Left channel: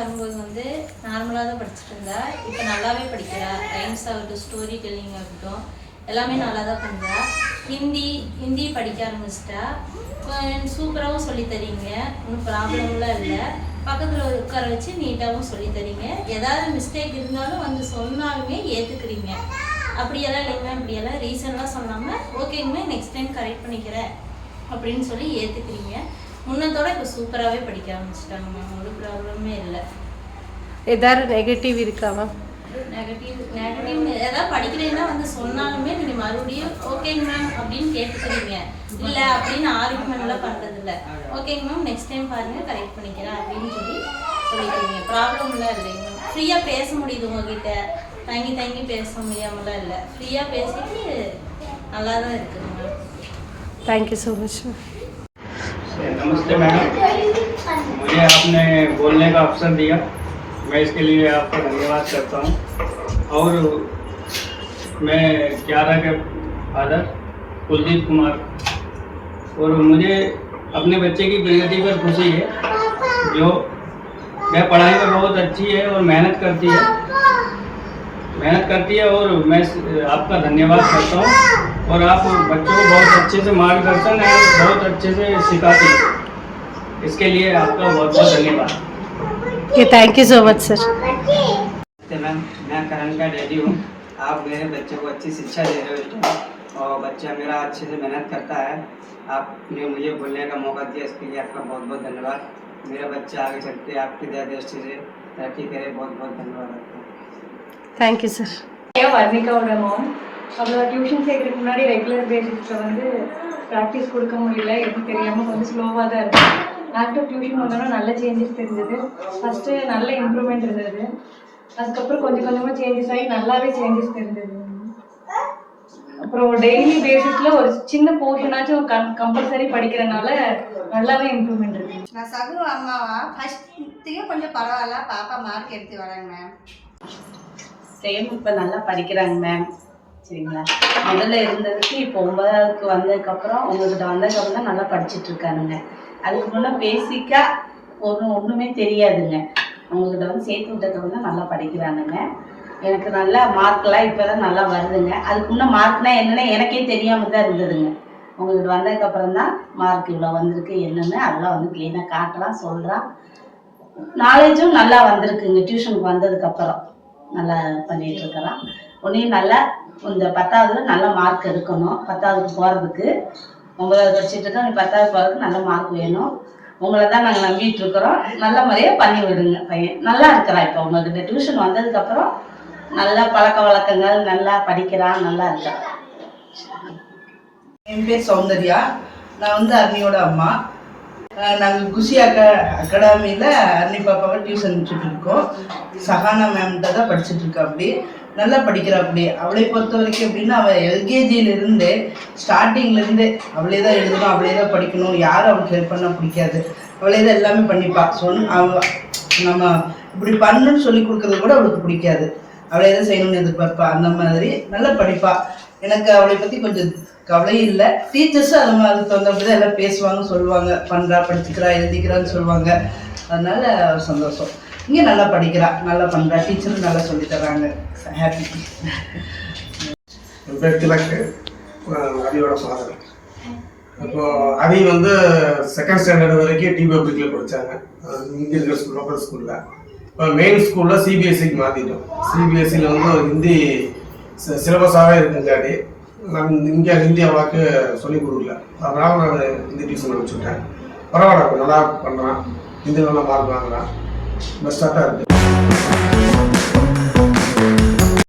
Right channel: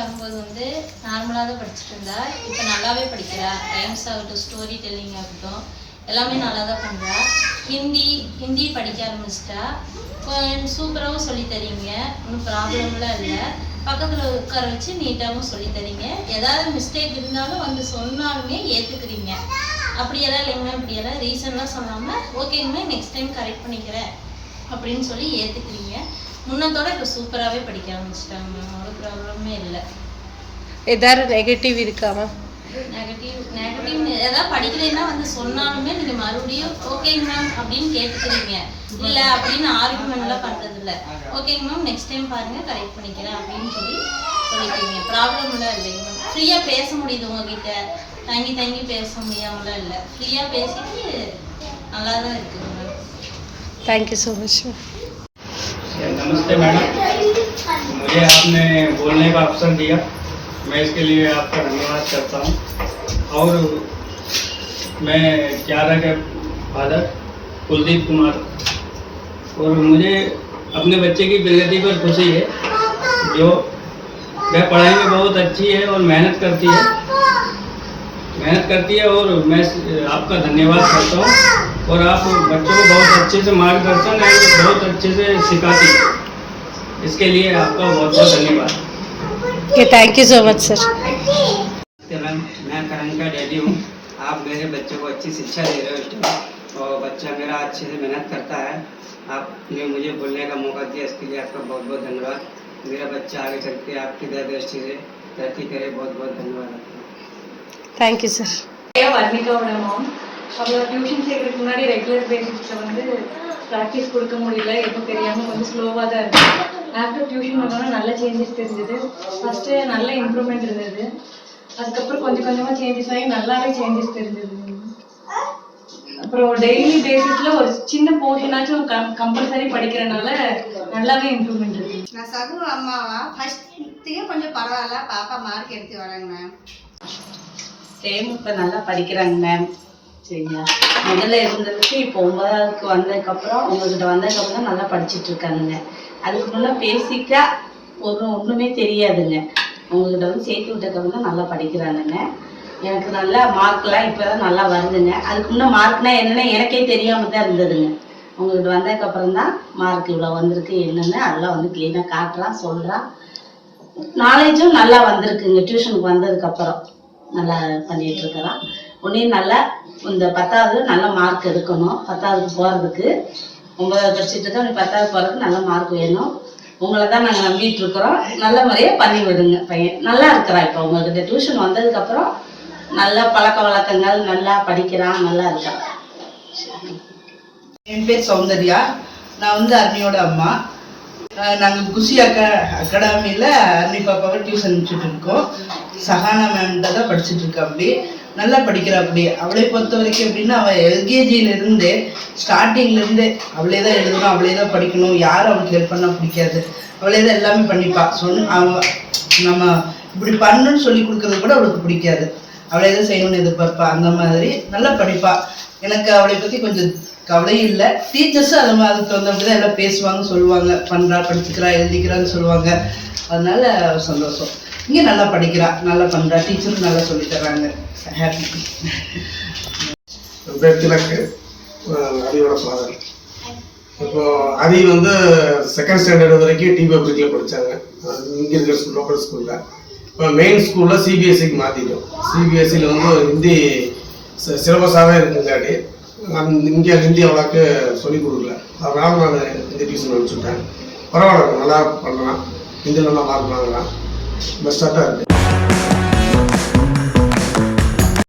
வரும்போது வந்து நார்மலாக தான் படிச்சுட்டு இருந்தா. இப்போ நல்லாவே படிக்கிறா. ரைம்ஸ் ஆகட்டும், ஸ்டோரி டெல்லிங் ஆகட்டும், எல்லாமே நல்லா தான் பண்ணுறா. ஹிந்தி படிக்க ஆரம்பிச்சிட்டா. சூப்பராகவும் சொல்லி தரீங்க, ஒன்றும் ப்ராப்ளம்லாம் இல்லை. பக்கத்தில் உட்கார வச்சு நீட்டாகவும் சொல்லி தரீங்க. ஏதாவது மிஸ்டேக் இருந்தாலும் வந்து சொன்னாலுமே ஏற்றுக்குறீங்க. அப்படியெல்லாம் இல்லைங்க, அப்படியெல்லாம் ரீசன்லாம் சொல்லாமல் ஓகேங்க நெக்ஸ்ட் டைம் கரெக்ட் பண்ணிக்கிறேன் அப்படின்னு சொல்லி ஏற்றுக்குறீங்க. முன்னத்தோட இப்போ சூப்பராகவே படிக்க ஆரம்பிச்சிட்டாங்க மேம். ஒரு ப்ராப்ளமே இல்லை. ஏதாவது நெகட்டிவ் இருக்கா மேம்? நெகட்டிவ் ஏதாவது படிக்கலைன்னா வந்து சொன்னாலுமே நீங்கள் மறுபடியும் ஓகேங்க மேம் அப்படின்னு கேட்டுக்கிறீங்க. இல்லை அப்படின்னு ஆர்குமெண்ட்லாம் பண்ணுறதில்ல. ஓகேங்க மேம் நெக்ஸ்ட் டைம் பாருங்கள் கரெக்ட் பண்ணிக்கிறேன் அப்படின்னு சொல்லி சொல்லிக்கிறீங்க. ப்ராப்ளம்லாம் இல்லைங்க மேம். ஃப்ரீயாக பேச முடியுது உங்ககிட்ட. தங்கி பேச முடியாமலாம் இல்லை. ஃப்ரீயாக பேசிட்டு நல்லா தான் இருக்குது ma'am. Thank you so much ma'am. नमस्ते मैडम, मुझे आपने बोलने का अवसर दिया, मैं इसके लिए आपका धन्यवाद करता हूँ। और मैं क्यारा के फादर कुलदीप कुमार, और मुझे अपने बच्चे की प्रगति पर खुशी है। जो वह पढ़ाई में बहुत अच्छी है और मेहनत करती है और मैं आपका धन्यवाद करता हूँ। और आप बच्चों को बहुत अच्छे से मार्गदर्शन और बहुत अच्छे से सिखाती हैं, इसके लिए आपका बहुत बहुत धन्यवाद। Thank you so much sir. Ma'am, मैं करण का डैडी हूँ। आप मेरे बच्चे को अच्छी शिक्षा दे रहे हो इस टाइम, और बच्चा मेरा अच्छे से मेहनत करता है। आपने मुझे बोलने का मौका दिया, इसके लिए आपका बहुत बहुत धन्यवाद। मेरा बच्चा आगे चलते आपकी दया दृष्टि से तरक्की करे, बहुत बहुत धन्यवाद आपको। Thank you sir. வர்ணிகாவோட மாம். அவளோட டியூஷன் சேர்க்கறதுக்கு முன்னாடி ரெகுலர் பேசிக்ஸில் வந்து ப்ராக்டிஸ் கொடுக்க முடியல, எதுவும் தெரியாமல் கொஞ்சம் ஸ்லோவாக தான் இருக்குது. லேப்டாப் டியூஷன் பண்ணோன்னா நல்ல சேஞ்சஸ் தெரிஞ்சது. ஃபஸ்ட்டு நல்ல இம்ப்ரூவ்மெண்ட் இருந்தது. அதுக்கப்புறம் கொஞ்சம் கொஞ்சமாக சேஞ்சஸ் ஆகி நல்லாவே சேஞ்சஸ் தெரிஞ்சது. அப்புறம் டெய்லி பேசிஸில் ஒரு சின்ன போர்ஷனாச்சும் கம்பல்சரி படிக்கிறனால நல்லாவே இம்ப்ரூவ்மெண்ட் இருக்குது. நான் சகு அம்மாவா ஃபஸ்ட்டுக்கு கொஞ்சம் பரவாயில்ல, பாப்பா மார்க் எடுத்து வராங்க மேம். சேம் இப்போ நல்லா படிக்கிறாங்க மேம். சரிங்களா, முதல்ல இருந்ததுக்கு இப்போ 9ஆவதுக்கு வந்ததுக்கப்புறம் உங்கள்கிட்ட வந்ததுக்கப்புறம் தான் நல்லா படிச்சுட்டு இருக்கானுங்க. அதுக்கு முன்னே பேசிக்காக ஒன்றுமே தெரியாதுங்க. உங்கள்கிட்ட வந்து சேர்த்து விட்டதுக்கப்புறம் தான் நல்லா படிக்கிறானுங்க. எனக்கு நல்லா மார்க்லாம் இப்போ தான் நல்லா வருதுங்க. அதுக்கு முன்னே மார்க்னால் என்னென்னு எனக்கே தெரியாமல் தான் இருந்ததுங்க. உங்கள்கிட்ட வந்ததுக்கப்புறம் தான் மார்க் இவ்வளோ வந்திருக்கு என்னென்னு அதெல்லாம் வந்து க்ளீனாக காட்டுறான், சொல்கிறான். நாலேஜும் நல்லா வந்திருக்குங்க. டியூஷனுக்கு வந்ததுக்கப்புறம் நல்லா பண்ணிகிட்டு இருக்கிறான். ஒன்றையும் நல்லா இந்த 10ஆவது நல்ல மார்க் எடுக்கணும். 10ஆவதுக்கு போகிறதுக்கு 9ஆவது படிச்சுட்டு இருக்கோம். நீ 10ஆவது போகிறதுக்கு நல்ல மார்க் வேணும். உங்களை தான் நாங்கள் நம்பிட்டு இருக்கிறோம். நல்ல முறையாக பண்ணி விடுங்க. பையன் நல்லா இருக்கிறான். இப்போ உங்கள்கிட்ட டியூஷன் வந்ததுக்கப்புறம் நல்லா பழக்க வழக்கங்கள், நல்லா படிக்கிறான், நல்லா இருக்கான். என் பேர் சௌந்தர்யா. நான் வந்து அர்னியோட அம்மா. நாங்கள் குஷி அகாடமியில் அர்னி பாப்பாவை டியூஷன் அனுப்பிச்சிட்டு இருக்கோம். சஹானா மேம்கிட்ட தான் படிச்சுட்டு இருக்கா. அப்படி நல்லா படிக்கிறா. அப்படி அவளை பொறுத்த வரைக்கும் எப்படின்னா, அவள் எல்கேஜியிலேருந்தே ஸ்டார்டிங்லேருந்தே அவளே தான் எழுதணும், அவளே தான் படிக்கணும். யாரும் அவளுக்கு ஹெல்ப் பண்ணால் பிடிக்காது. அவளே தான் எல்லாமே பண்ணிப்பா. அவள் நம்ம இப்படி பண்ணணும்னு சொல்லி கொடுக்குறது கூட அவளுக்கு பிடிக்காது. அவளே தான் செய்யணும்னு எதிர்பார்ப்பா. அந்த மாதிரி நல்லா படிப்பா. எனக்கு அவளை பற்றி கொஞ்சம் கவலையும் இல்லை. டீச்சர்ஸும் அதுக்கு வந்து அப்படி தான் எல்லாம் பேசுவாங்க, சொல்லுவாங்க. பண்ணுறா, படிச்சுக்கிறா, எழுதிக்கிறான்னு சொல்லுவாங்க. அதனால சந்தோஷம். இங்கே நல்லா படிக்கிறா, நல்லா பண்ணுறா. டீச்சரும் நல்லா சொல்லி தராங்க. ஹாப்பி. அவியோட ஃபாதர். இப்போது அவி வந்து 2nd ஸ்டாண்டர்ட் வரைக்கும் டி பப்ளிக்கில் படித்தாங்க, இங்கே இருக்கிற லோக்கல் ஸ்கூலில். இப்போ மெயின் ஸ்கூலில் சிபிஎஸ்சிக்கு மாற்றிட்டோம். சிபிஎஸ்சியில் வந்து ஹிந்தி சிலபஸாகவே இருக்குங்காட்டி இங்கே ஹிந்தி அவ்வளோக்கு சொல்லிக் கொடுக்கல. அதனால் நான் ஹிந்தி டியூஷன் அனுப்பிச்சுட்டேன். பரவாயில்ல, நல்லா பண்ணுறான். ஹிந்தியில் நல்லா மார்க் வாங்குறான். பெஸ்ட்டாக தான் இருக்குது.